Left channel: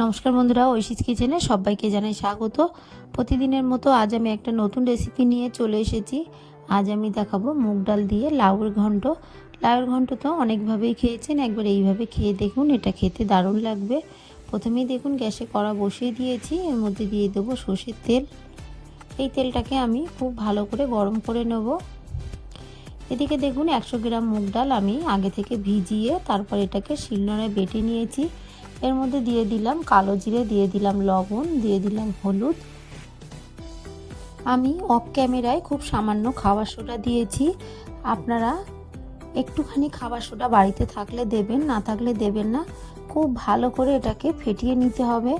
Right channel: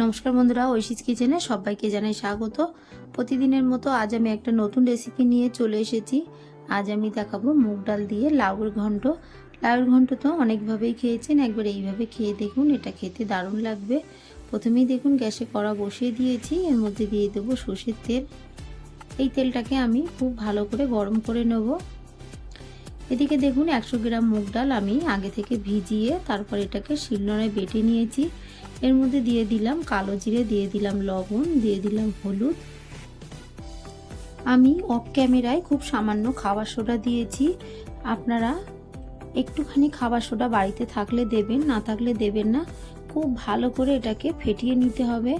নমস্কার বন্ধুরা ঐশিস কিচেনে সবাইকে জানাই স্বাগত। প্রতিদিনের মতো আজ আমি একটা নতুন রেসিপি নিয়ে চলে এসেছি। আজ আমি দেখাবো মুগ ডাল দিয়ে লাউর ঘন্ট। লাউর ঘন্ট তো অনেকভাবেই খেয়েছেন, একবার এইভাবে খেয়ে দেখুন, এটা খেতে দারুণ লাগবে। প্রথমেই দেখুন গ্যাসে কড়া বসিয়ে দিয়েছি, এর মধ্যে দিয়ে দেবো সর্ষের তেল। এই তেলটাকে আমি খুব ভালো করে গরম করে নেব। এদিকে দেখুন একশো গ্রাম মুগ ডাল আমি আগে থেকে ভিজিয়ে তারপর এটাকে শিলনোড়ায় বেটে নিয়েছি। এর মধ্যে দিয়ে দিলাম কালো জিরে, দিয়ে দিলাম লবণ, দিয়ে দিলাম হলুদ। আমি অফ ক্যামেরায় খুব সামান্য খাবার সোডা দিয়েছি। আপনারা একটুখানি খাবার সোডা বাড়িতে থাকলে দেবেন, না থাকলে দেবেন না। খুব ভালো করে এটাকে ফেটিয়ে নিতে হবে।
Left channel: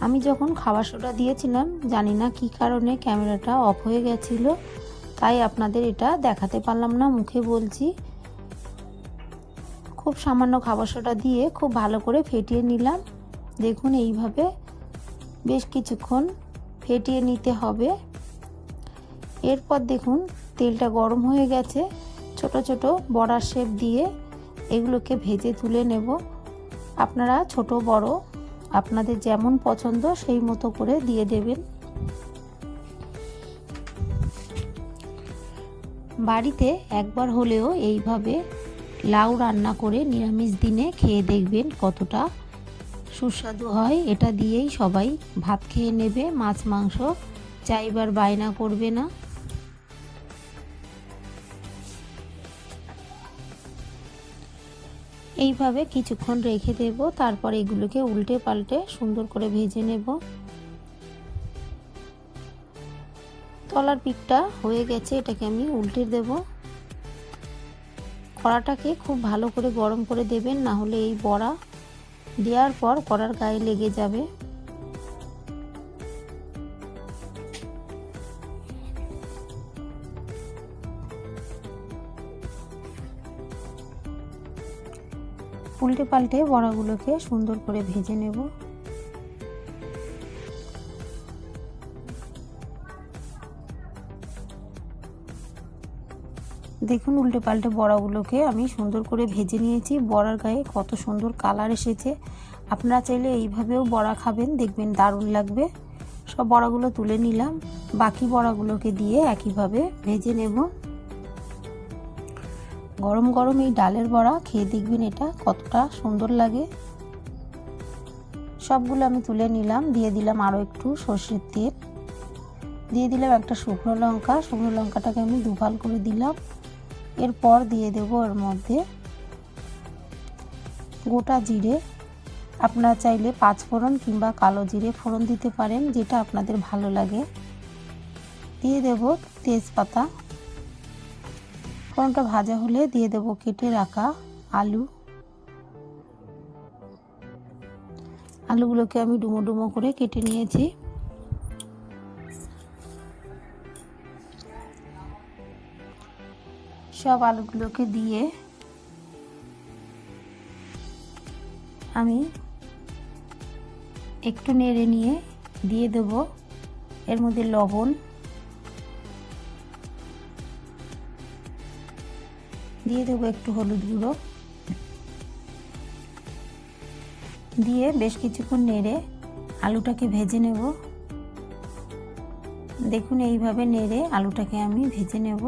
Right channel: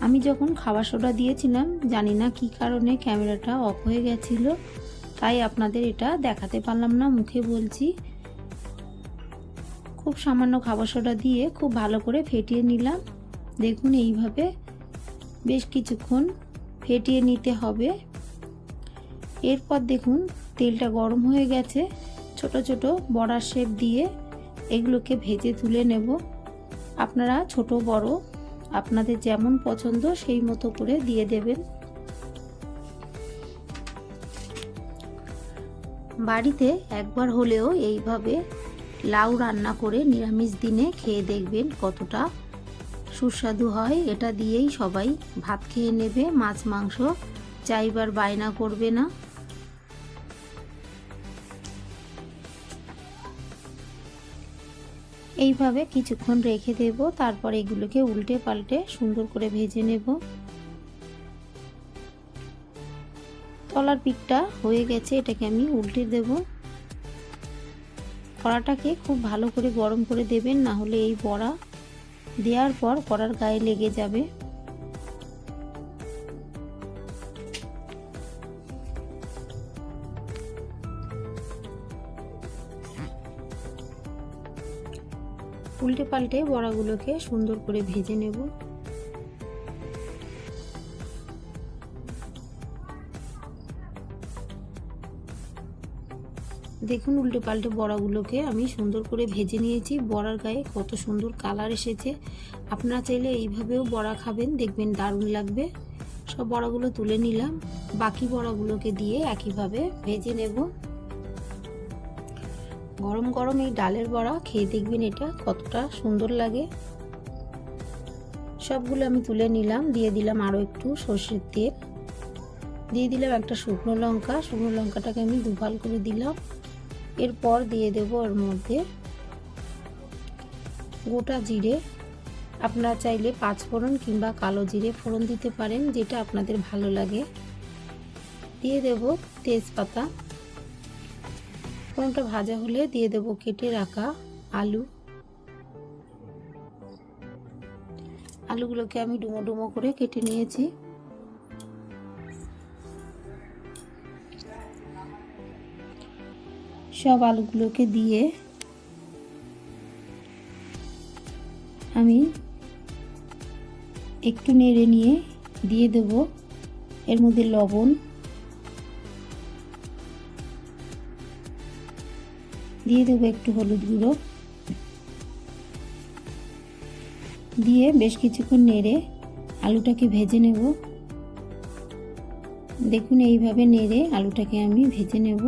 আমি যখন খাবার সোডা দিয়েছিলাম, জানি না কি কারণে ক্যামেরাটা অফ হয়ে গেছিল, তাই আপনাদের এটা দেখাতে পারলাম না, মুখে বলছি। খুব সামান্য খাবার সোডা দিয়ে খুব ভালো করে ফেটিয়ে নিলাম। দেখুন এইভাবে বেশ কিছুক্ষণ ফেটিয়ে নিতে হবে। এরপর দেখুন তেলটা গরম হয়ে গেছে। ছোট ছোট বড়ার শেপ দিয়ে এগুলোকে ভেজে তুলে নেব। আপনারা ছোট, বড়, আপনাদের যেমন পছন্দ সেই মতো করে দিয়ে দেবেন। বাড়িতে একবার হলেও এইভাবে লাউ রান্না করে নিরামিষ দিনে খেয়ে দেখবেন কতটা সুস্বাদু হয়। এটা দিয়েই সবাই ভাত খেয়ে নেবে, মাছ, মাংস চাইবার বায়না করবে না। এইভাবে কিছুক্ষণ রেখে দেব, তারপর এগুলোকে উল্টে পাল্টে সুন্দর করে ভেজে নেব। তলার পিঠটা হয়ে গেছে, এটাকে আমি উল্টে দেব। কড়াটাকে খুব ভালো করে গরম করে দেবেন, না হলে এই বড়া দেওয়ার পর কড়ার গায়ে লেগে যাবে। উল্টে পাল্টে বড়াগুলোকে সুন্দর করে ভেজে নেব। দেখুন উল্টে পাল্টে বড়াগুলোকে আমি সুন্দর করে ভেজে নিয়েছি। বড়ার গায়ে কত সুন্দর কালার এসেছে। আপনারা চাইলে এইভাবেও বড়া খাবেন, দেখবেন দারুণ লাগবে। সব বড়াগুলো তুলে নিলাম। বাকি বড়াগুলোকে দিয়ে একইভাবে ভেজে নেব। গরম গরম এই ডালের বড়া খেয়ে দেখবেন এটা কতটা সুন্দর লাগে। সবগুলো আমি তুলে নিলাম, দিয়ে দিলাম আরও একটু সর্ষের তেল। দিয়ে দিলাম একটা শুকনো লঙ্কা। শুকনো লঙ্কাটাকে আমি দুভাল করে দিলাম। এরপর দিয়ে দেব এর মধ্যে গোটা জিরে। আপনারা চাইলে পাঁচ ফোড়ন কিংবা কালো জিরে ফোড়ন দিতে পারেন, যেটা আপনাদের ভালো লাগে। দিয়ে দেব তেজপাতা। ফোড়নটা ভাজা হলে দিয়ে দেব কেটে রাখা আলু। আলুগুলোকে আমি ডুমো ডুমো করে কেটে নিয়েছি। সব আলুগুলোকে দিয়ে আমি একটু নেড়ে নিয়ে দিয়ে দেব। এর মধ্যে লবণ দিয়ে দেবো একটু হলুদ গুঁড়ো। দিয়ে বেশ কিছুক্ষণ নেড়ে আলুটাকে ভেজে নেব। দেখুন, এইভাবে নেড়ে আলুটাকে আমি ভেজে নেব।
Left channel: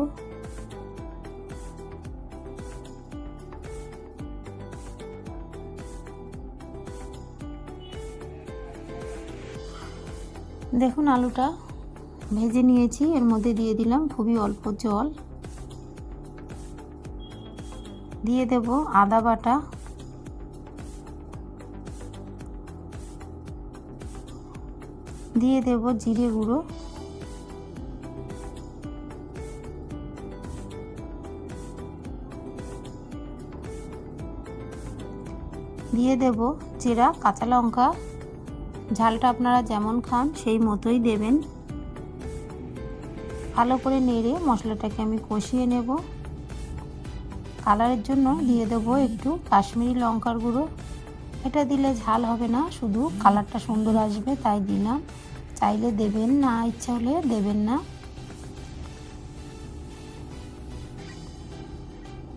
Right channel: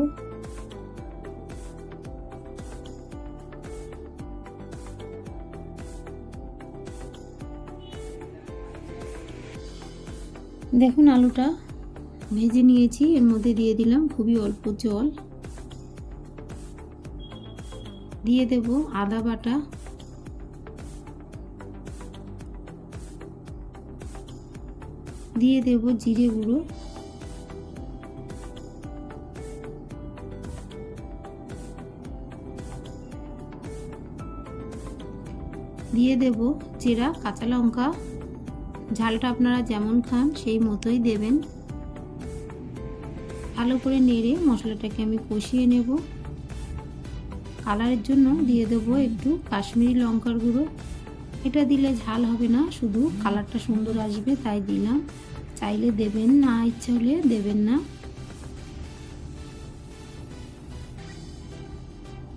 দেখুন আলুটা ভেজে নিয়েছি, এর মধ্যে দিয়ে দিলাম খুবই অল্প জল। দিয়ে দেব আদা বাটা। দিয়ে দেব জিরে গুঁড়ো। দিয়ে দেব চেরা, কাঁচা লঙ্কা। ঝালটা আপনারা যেমন খান, সেই মতোই দেবেন। ভালো করে নেড়ে মশলাটাকে আমি কষিয়ে নেব। কালারের জন্য দিয়ে দেবো একটু কাশ্মীরি লঙ্কার গুঁড়ো। এটা দিলে ঝাল হবে না, শুধু কালারটা সুন্দর আসবে, তাই দিলাম। চাইলে দেবেন না, ইচ্ছা হলে দেবেন না।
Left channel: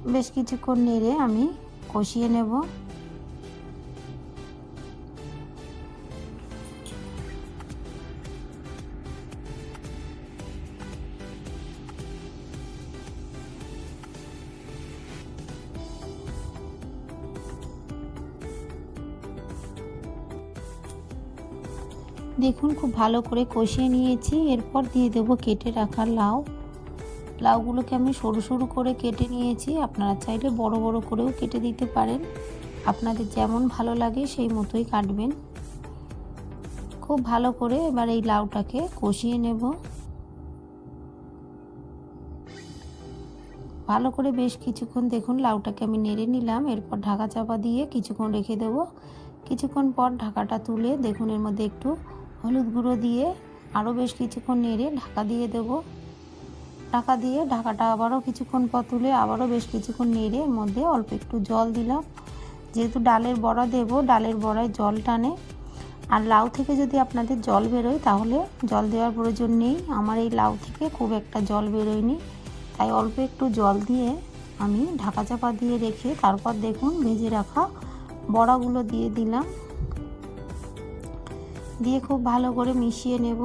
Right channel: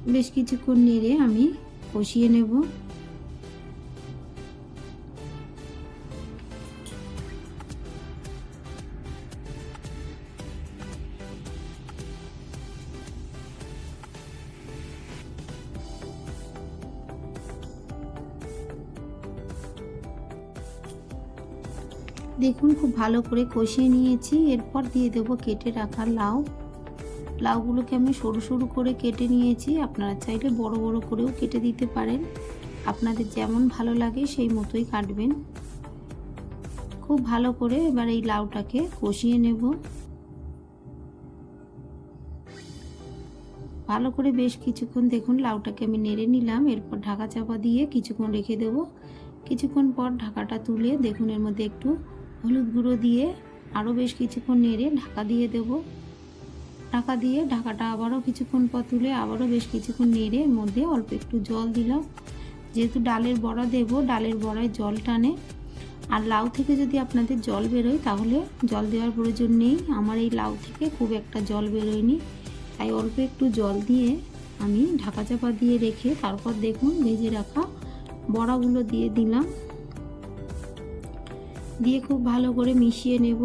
বেশ কিছুক্ষণ নেড়ে আমি কষিয়ে নেব। দেখুন, খুব ভালো করে কষিয়ে নিয়েছি। এরপর দিয়ে দেব কেটে রাখা লাউ। লাউগুলোকে আমি সরু সরু করে কেটে নিয়েছি। আপনারা চাইলে বড় বড় করেও কেটে দিতে পারেন। আপনাদের যেমন ভালো লাগে সেই মতোই কাটবেন। খুব ভালো করে এবার এই লাউটাকে কষিয়ে নেব। ভালো করে বেশ কিছুক্ষণ দেখুন, লাউটাকে আমি নেড়ে নিলাম। এরপর ঢাকা চাপা দিয়ে কিছুক্ষণ রেখে দেব। কিছুক্ষণ পর ঢাকাটা তুলে দেখুন, এর মধ্যে একটু হলুদ গুঁড়ো দিয়ে আরও বেশ কিছুক্ষণ নেড়ে ঢাকা দিয়ে দেব। ঢাকা দিয়ে ঢাকাটা আবারও কিছুক্ষণ পর তুলে আবারও বেশ কিছুক্ষণ নেড়ে এর মধ্যে অল্প একটু জল দিলাম। যেহেতু ডালের বড়া দেব, ডালের বড়ায় জল টানে। আর লাউ থেকে যদি আপনাদের জল বেরোয়, তাহলে জল দেওয়ার প্রয়োজন নেই। আমার এই লাউ থেকে খুব একটা জল বেরোয়নি। তাই অল্প একটু জল দিয়ে আমি ঢাকা চাপা দিয়ে রেখে তারপর দেখুন, ভেজে রাখা বড়াগুলো দিয়ে দিলাম। দিয়ে খুব ভালো করে মিশিয়ে নেব।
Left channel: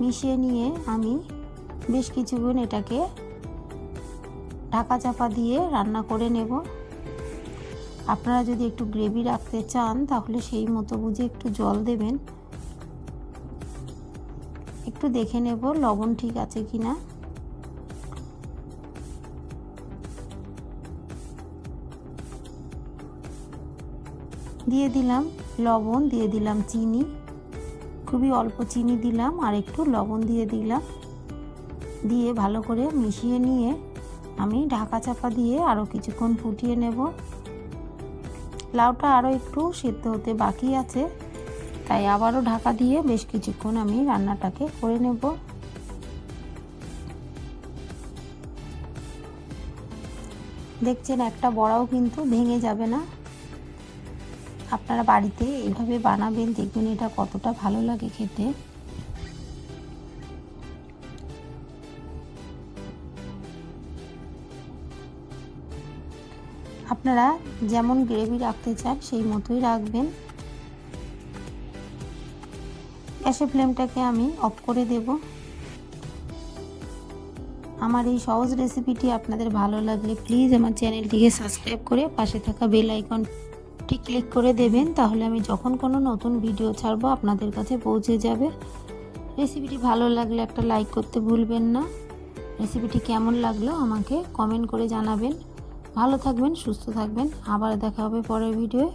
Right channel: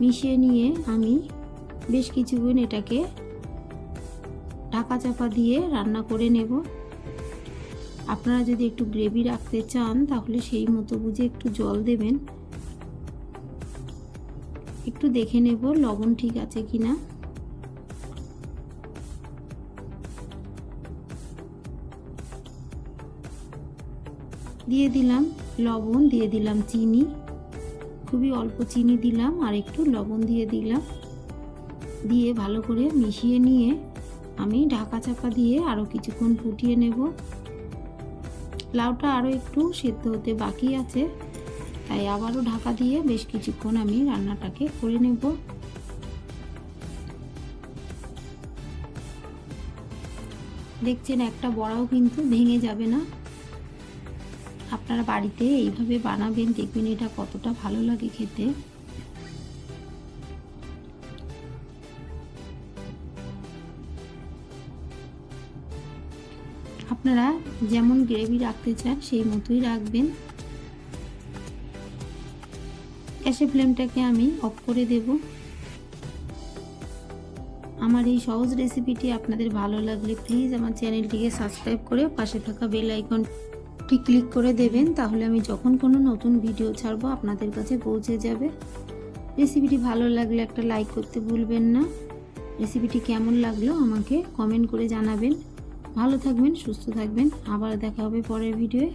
মিশিয়ে নিয়ে আমি বেশ কিছুক্ষণ এটাকে ঢাকা চাপা দিয়ে রান্না করে নেব। আপনারা যদি একটু গ্রেভি রাখতে চান, তাহলে সেই মতো বুঝে একটু জল দেবেন। একটু দেখে নেব লবণ ঠিক আছে কিনা। দিয়ে দিলাম লবণ, দিয়ে দিলাম চিনি। খুবই অল্প চিনি দিলাম আর একটু লবণ দিয়ে দিলাম। দিয়ে ভালো করে মিশিয়ে নিয়ে আমি ঢাকা চাপা দিয়ে আরও কিছুক্ষণ ফুটিয়ে নেব। লাউটা আরও একটু সেদ্ধ হতে বাকি আছে, তাই আবারও ঢাকা দিয়ে বেশ কিছুক্ষণ আমি রান্নাটাকে করে নেব। দেখছেন একটা বড়াও কিন্তু ভেঙে যাবে না। আপনারা বাড়িতে এইভাবে বানাবেন, দেখবেন এটা কতটা ভালো লাগে খেতে। আপনারা যেমন গ্রেভি রাখতে চান, সেই মতোই রাখবেন। গ্যাসের ফ্লেমটাকে আমি অফ করে দেব। আমার এই সহজ রেসিপিটি আপনাদের ভালো লাগলে, প্লিজ আমার চ্যানেলটিকে সাবস্ক্রাইব করে পাশে থাকা বেল আইকনটি ক্লিক করে দেবেন, তাহলে আমি যখন কোনো নতুন ভিডিও ছাড়বো আপনাদের কাছে পৌঁছে যাবে। রেসিপিটি ভালো লাগলে একটা লাইক করতে ভুলবেন না। রেসিপিটি কেমন লাগল আমাকে কমেন্ট করে জানাবেন। ভালো থাকবেন, সুস্থ থাকবেন। আবার দেখা হবে পরের ভিডিওয়ে।